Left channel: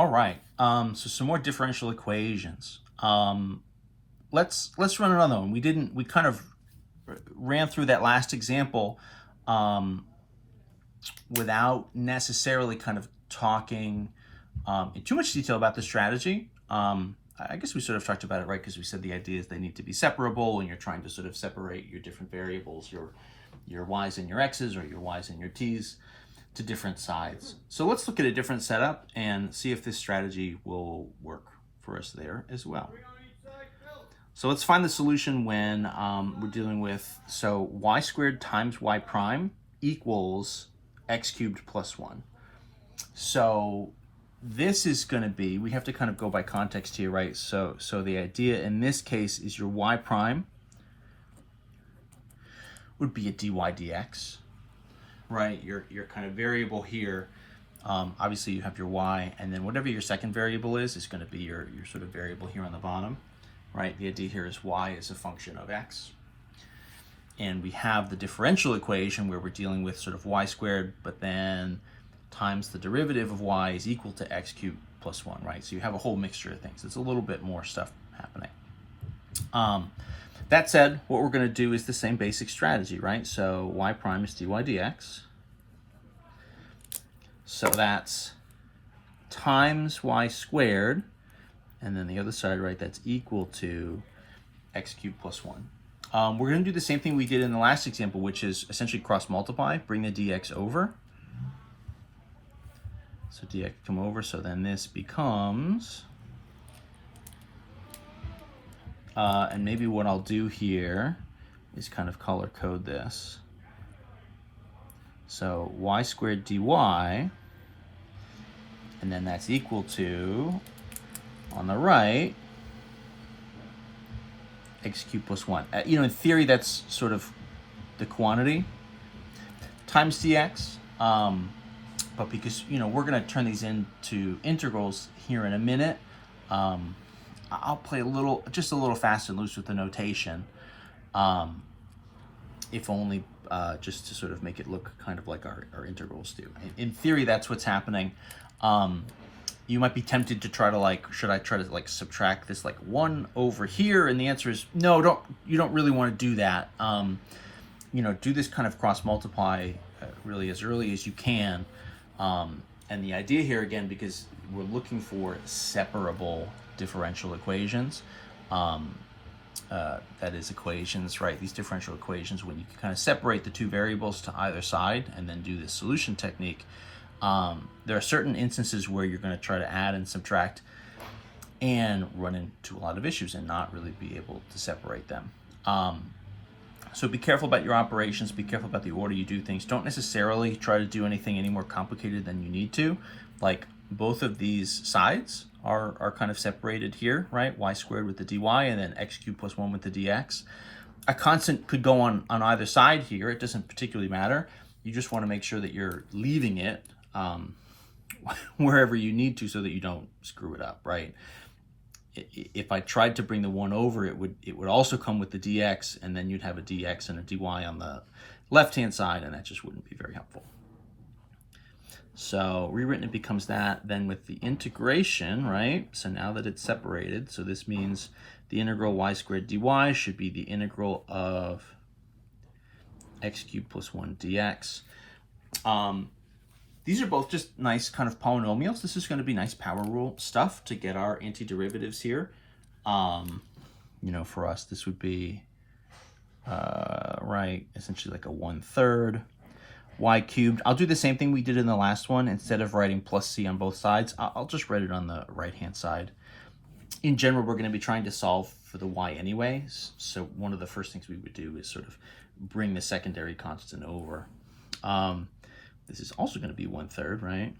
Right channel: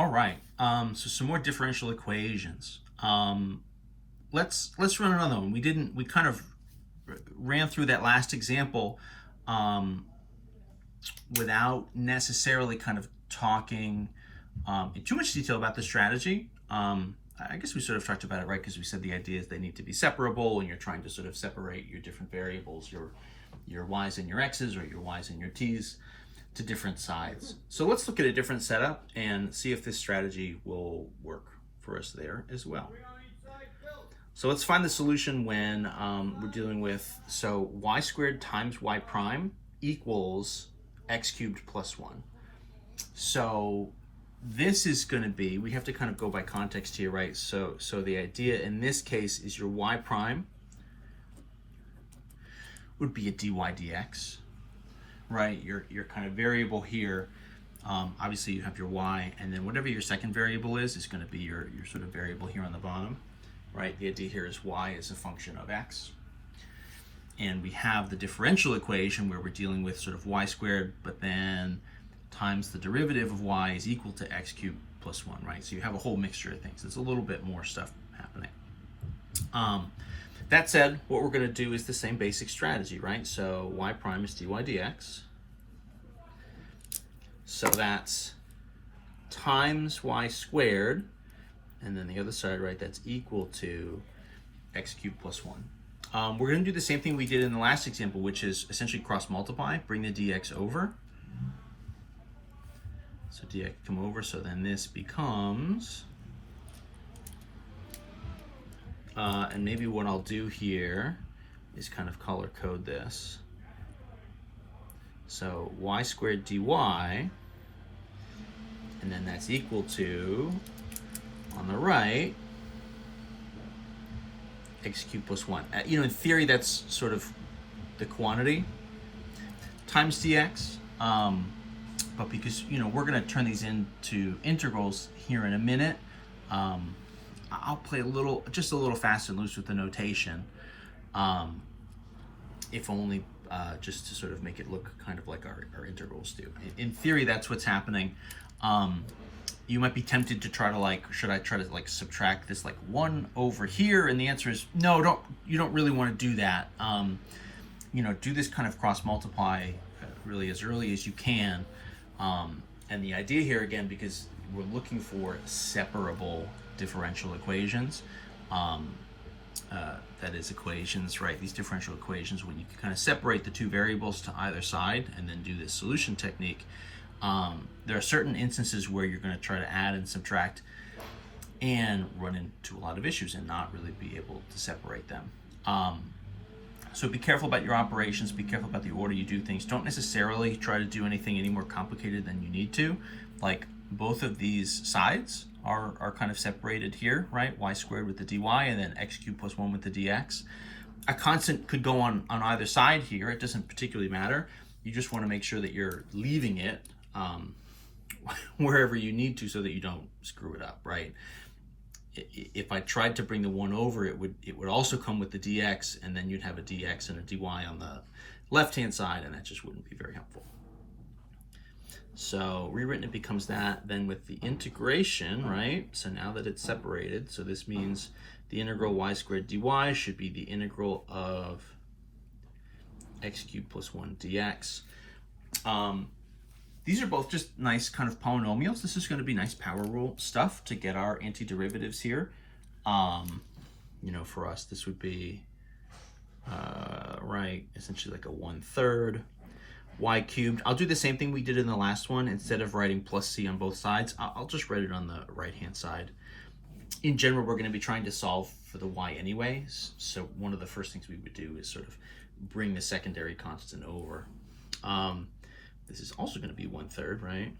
All right. So some more differential equations. Let's run another one. We kind of ran through that last example um, without necessarily kind of talking in too much detail about the strategy. I guess we sort of talked about it, right? Because we said the idea is they need to be separable, and you're trying to sort of separate your different variables, your y's and your x's, or your y's and your t's, to different sides. So let's look at a different setup and see if this strategy will work for us there as well. So let's find the solution when we're dealing with, so y squared times y prime equals x cubed plus 1. So this is going to be, we have to kind of go by context here, right? So the idea in this case is your y prime would be a dy dx, right? Your kind of variable here, obviously you have your y, and then whatever your second variable is going to be your sort of variable here on the bottom, right? The idea here is y is a function of x. And we have the differential equation where we're dealing with sort of y squared, but then times the derivative of y is equal to x cubed plus 1, right? So you have a whole mixture of things. It's a little bit more stuff happening. That said, what we're going to do is the same basic strategy, right? So y prime is dy dx. So that's times y squared, and then the other side, right, that's equal to x cubed plus 1. We're going to do the same thing we did in the last example, which is essentially cross multiply, bring the dx over. So dx come over, so then this becomes, and maybe what I'll do here is kind of color code this. So y squared dy, and then that's equal to, on the right, x cubed plus 1. In theory, that's sort of the quantity times dx. But because, we're going to turn these into integrals here in a minute, I'll play just a little fast and loose with the notation, if only just to sort of make it look kind of like our integrals do. In theory, that's what's happening. You might be tempted to try to should I try to subtract this 1 over here? And the answer is no, you don't really want to do that. Do this kind of cross multiply really as early as you can. And the idea here, again, because we're looking for separable differential equations, that is equations, right? These differential equations, when you can kind of separate the two variables to either side and then do this solution technique, there are certain instances where you're going to try to add and subtract and run into a lot of issues and not really be able to separate them. So be careful about your operations, be careful about the order you do things. Don't necessarily try to do anything any more complicated than you need to. Like both of these sides are kind of separated here, right? Y squared with the dy and then x cubed plus 1 with the dx. A constant could go on either side here. It doesn't particularly matter. You just want to make sure that you're leaving it wherever you need to so that you don't screw it up, right? If I tried to bring the 1 over, it would also come with the dx, and then you'd have a dx and a dy on the left-hand side, and that just wouldn't be very helpful. So rewritten, it becomes that. Then with the integration, right? So now that it's separated, so this means the integral y squared dy should be the integral of x cubed plus 1 dx. These are both just nice kind of polynomials. This is going to be nice power rule stuff to get our antiderivatives here. For us, this would be, right, essentially like a 1/3 y cubed. I'll do the same thing we did in the last one. Instead of writing plus c on both sides, I'll just write it on the right-hand side. In general, we're going to be trying to solve for the y anyways. So one of the first things we would do is sort of bring the secondary constant over. This is also going to be 1/3, right?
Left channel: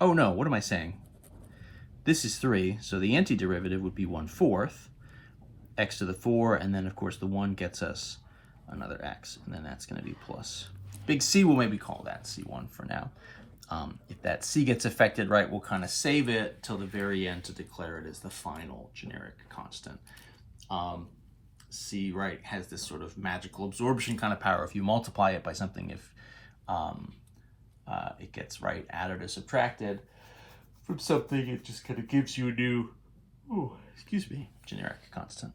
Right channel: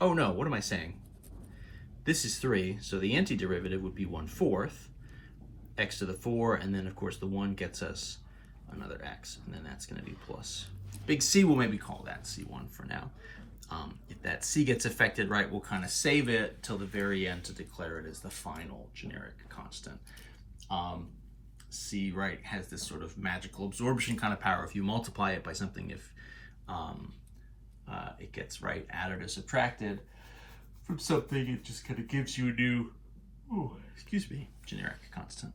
Oh no, what am I saying? This is 3, so the antiderivative would be 1/4, x to the 4, and then of course the 1 gets us another x, and then that's going to be plus. Big C, we'll maybe call that C1 for now. If that C gets affected, right, we'll kind of save it till the very end to declare it as the final generic constant. C, right, has this sort of magical absorption kind of power. If you multiply it by something, it gets added or subtracted from something. It just kind of gives you a new, generic constant.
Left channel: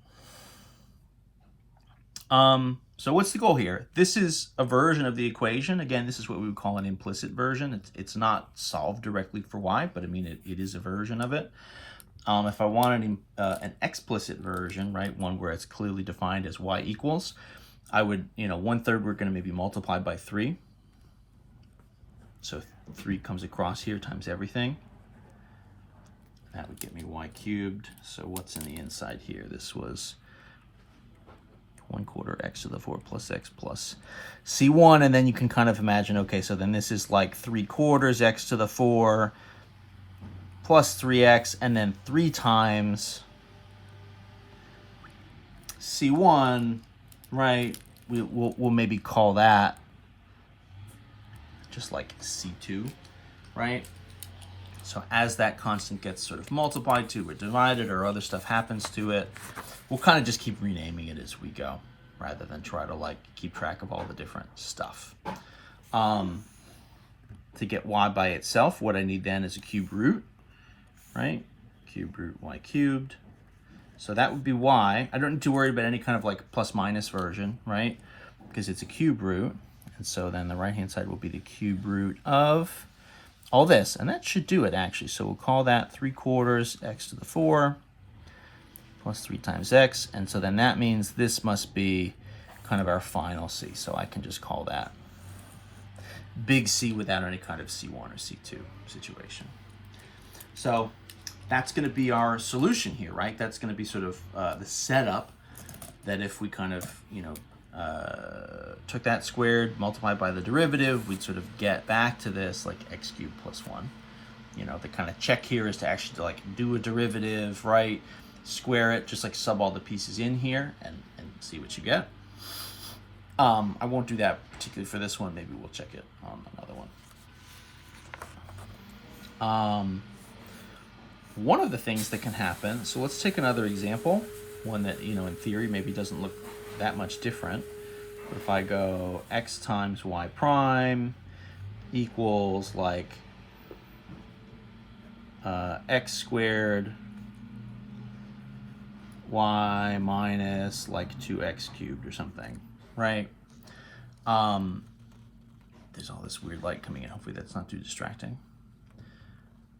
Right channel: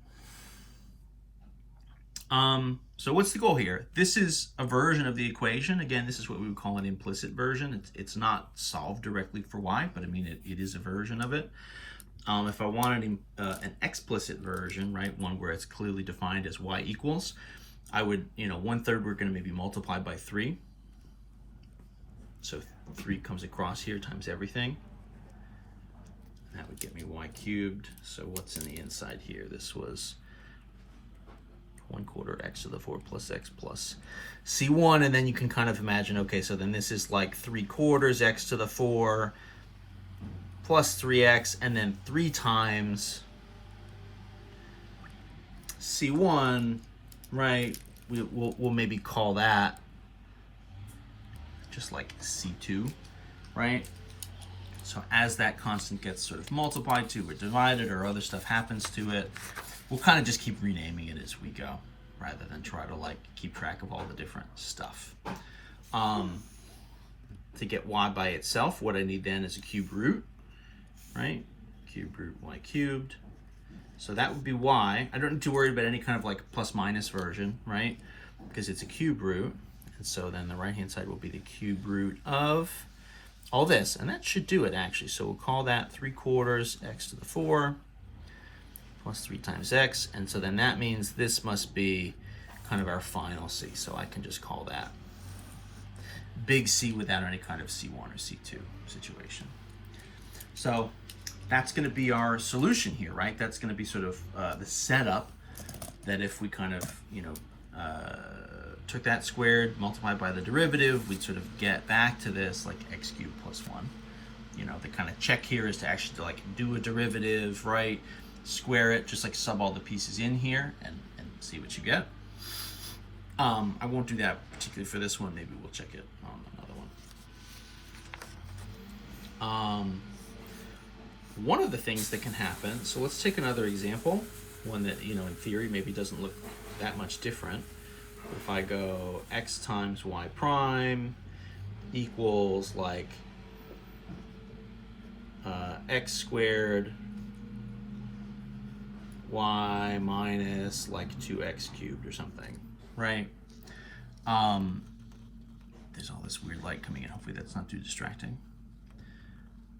So what's the goal here? This is a version of the equation. Again, this is what we would call an implicit version. It's not solved directly for y, but I mean, it is a version of it. If I wanted an explicit version, right, one where it's clearly defined as y equals, I would, 1/3 we're going to maybe multiply by 3. So 3 comes across here times everything. That would get me y cubed. So what's in the inside here? This was 1/4 x to the 4 plus x plus c1, and then you can kind of imagine, okay, so then this is like 3/4 x to the 4 plus 3x, and then 3 times c1, right? We'll maybe call that just like c2, right? So as that constant gets sort of multiplied to or divided or other stuff happens to it, we'll kind of just keep renaming it as we go, rather than try to keep track of all the different stuff. To get y by itself, what I need then is a cube root, right? Cube root y cubed. So that would be y. I don't need to worry about any kind of plus minus version, right? Because it's a cube root. And so then the right-hand side will be the cube root of all this. And that should do it, actually. So we'll call that 3/4 x to the 4 plus 3 times x. And so then that means this must be kind of our final c. So I can just call that big C without any kind of C1 or C2 situation. So that's going to be our solution here, right? That's going to be sort of the setup that if we kind of, took that squared, multiplied by the derivative, we'd sort of get back to this x cubed plus 1. The kind of check here is to actually do a derivative, right? Square it, just sub all the pieces in here and see what you get. I won't do that particularly for this one. Maybe we'll check it on another one. One of the things that can happen, so let's take another example, one that, in theory maybe doesn't look that much different. If I go x times y prime equals x squared y minus 2x cubed or something, right? There's all this weird light coming in. Hopefully that's not too distracting.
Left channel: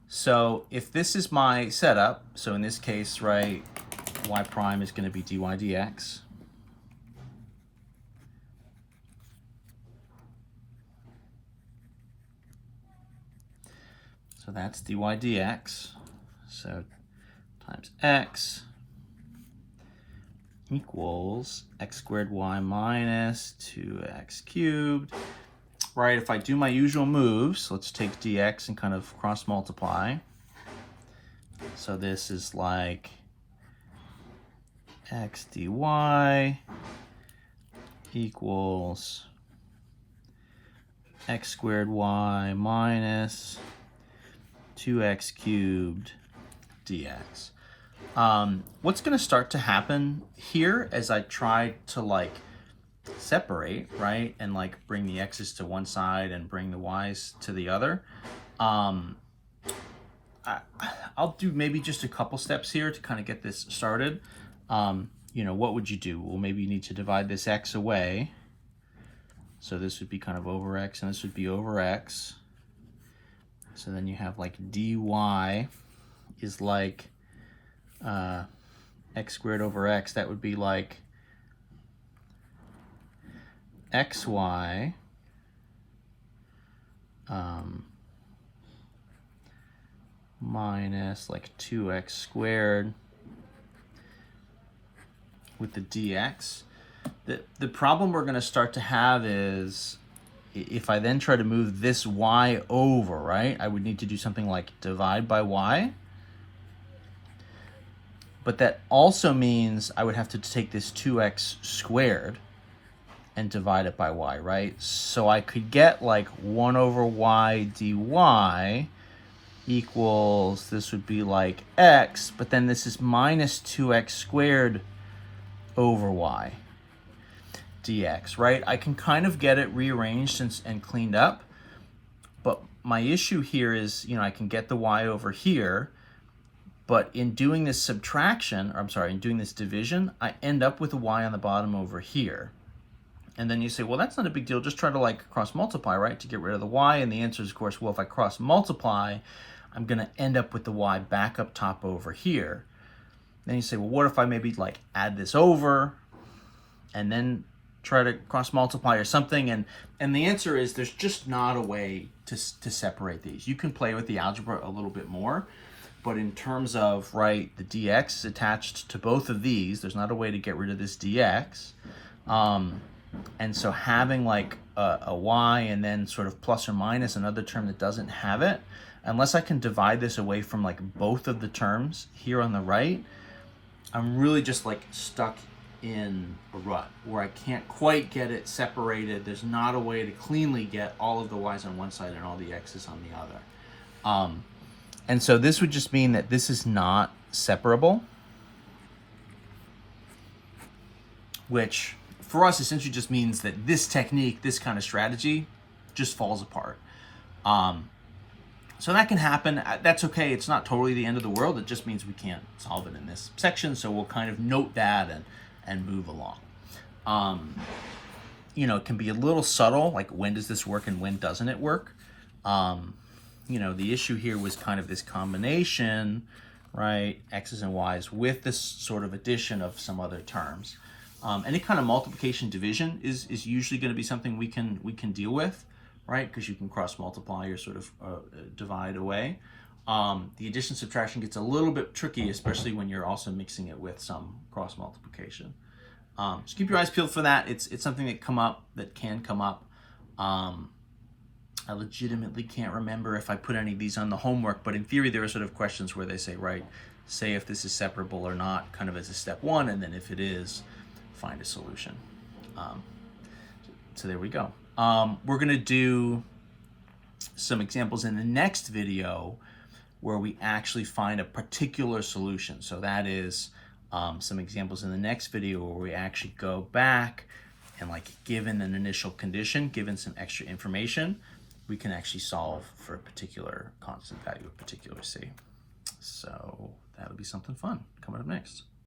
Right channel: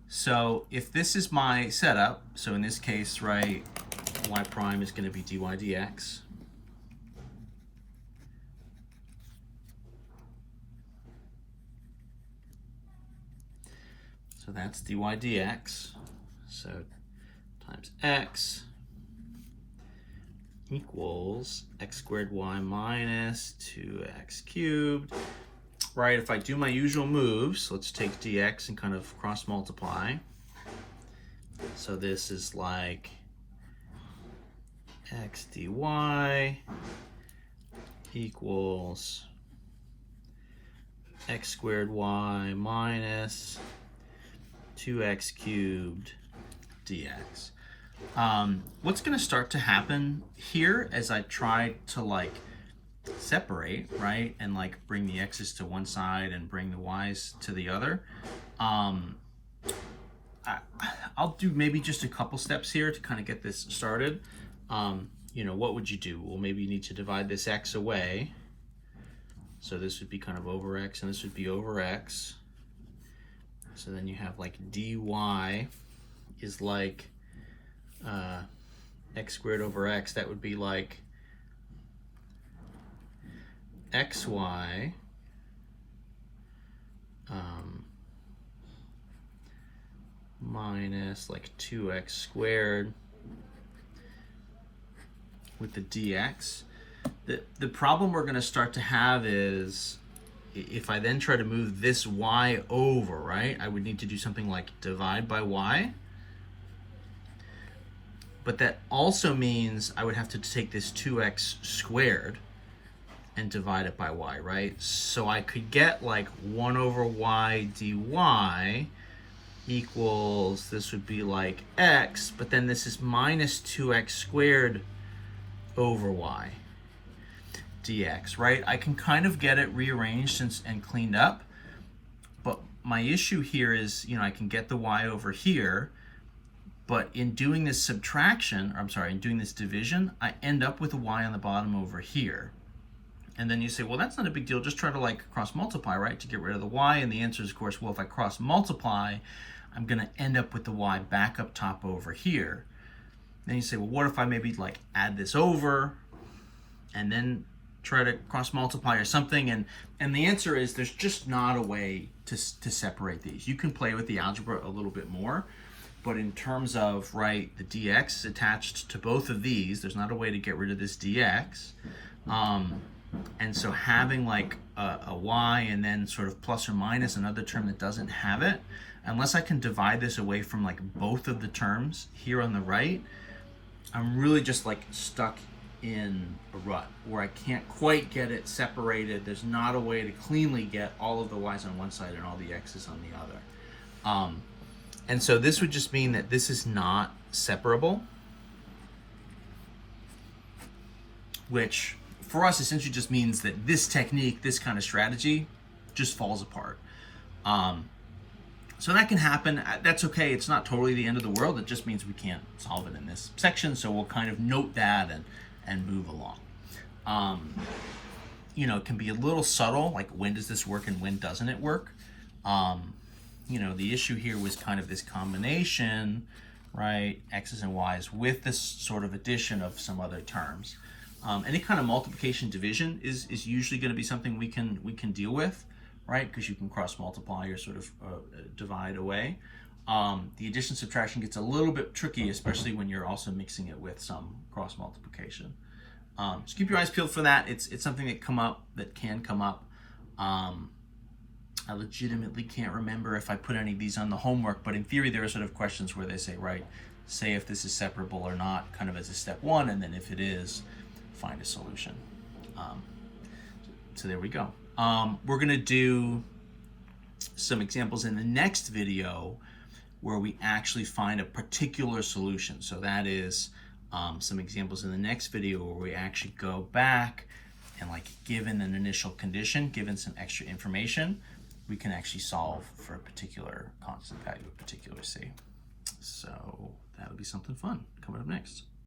So if this is my setup, so in this case, right, y prime is going to be dy dx. So that's dy dx. So times x equals x squared y minus 2x cubed. Right, if I do my usual moves, let's take dx and kind of cross multiply. So this is x dy equals x squared y minus 2x cubed dx. What's going to start to happen here as I try to separate, right, and bring the x's to one side and bring the y's to the other, I'll do maybe just a couple steps here to kind of get this started. What would you do? Well, maybe you need to divide this x away. So this would be kind of over x, and this would be over x. So then you have dy is x squared over x. That would be xy minus 2x squared with the dx. The problem we're going to start to have is if I then try to move this y over, right, I would need to do something like divide by y. But that also means I would have to take this 2x squared and divide it by y, right? So I could get 1 over y dy equals, this would be x, but then this is minus 2x squared over y dx, right? I can kind of get it rearranged and cleaned up, But my issue here is, you know, I can get the y over here, but in doing this subtraction, or I'm sorry, in doing this division, I end up with a y on the bottom over here. And then you say, well, that's not a big deal. Just try to like cross multiply, right, to get rid of the y. And the answer is, of course, well, if I cross multiply, I'm going to end up with the y back up top over here. Then you say, well, what if I maybe like add this over and then try to cross multiply or something? And the answer is there's just not a way to separate these. You can play with the algebra a little bit more, but in terms of, right, the dx is attached to both of these. There's not a way to get rid of this dx. And so having like a y and then sort of plus or minus another term that doesn't have it, unless I can divide this away from like both of the terms here on the right, I'm really just like stuck in a rut where I can't quite get it separated. There's not a way to cleanly get all of the y's on one side and all the x's on the other. And so this would just mean that this is not separable, which for us essentially just means that this technique, this kind of strategy, just falls apart. So that can happen. That's okay. It's not totally the end of the world. It just means we can't solve it in this section. So we'll kind of note that and move along. You know, it can be a little subtle, like when does this work and when doesn't it work? You know, the issue here was kind of this combination, right? X's and Y's with this sort of addition of some other terms. Any kind of multiplication division is usually going to be something we can deal with, right? Because you can cross multiply or sort of divide away. The addition subtraction gets a little bit tricky, especially when you're also mixing it with some cross multiplication. So keep your eyes peeled for that. It's something that can come up. I legitimately can't remember if I put any of these on the homework, but in theory there are sort of questions where they say, right, say if this is separable or not, kind of as a step one, and then if it is, find a solution. So there we go. We're going to do some examples in the next video where we actually find a particular solution. So that is some examples in the next video where we actually go back and, like, given an initial condition, given some extra information, we can actually solve for a particular constant value, a particular c. So that'll be something fun coming up next.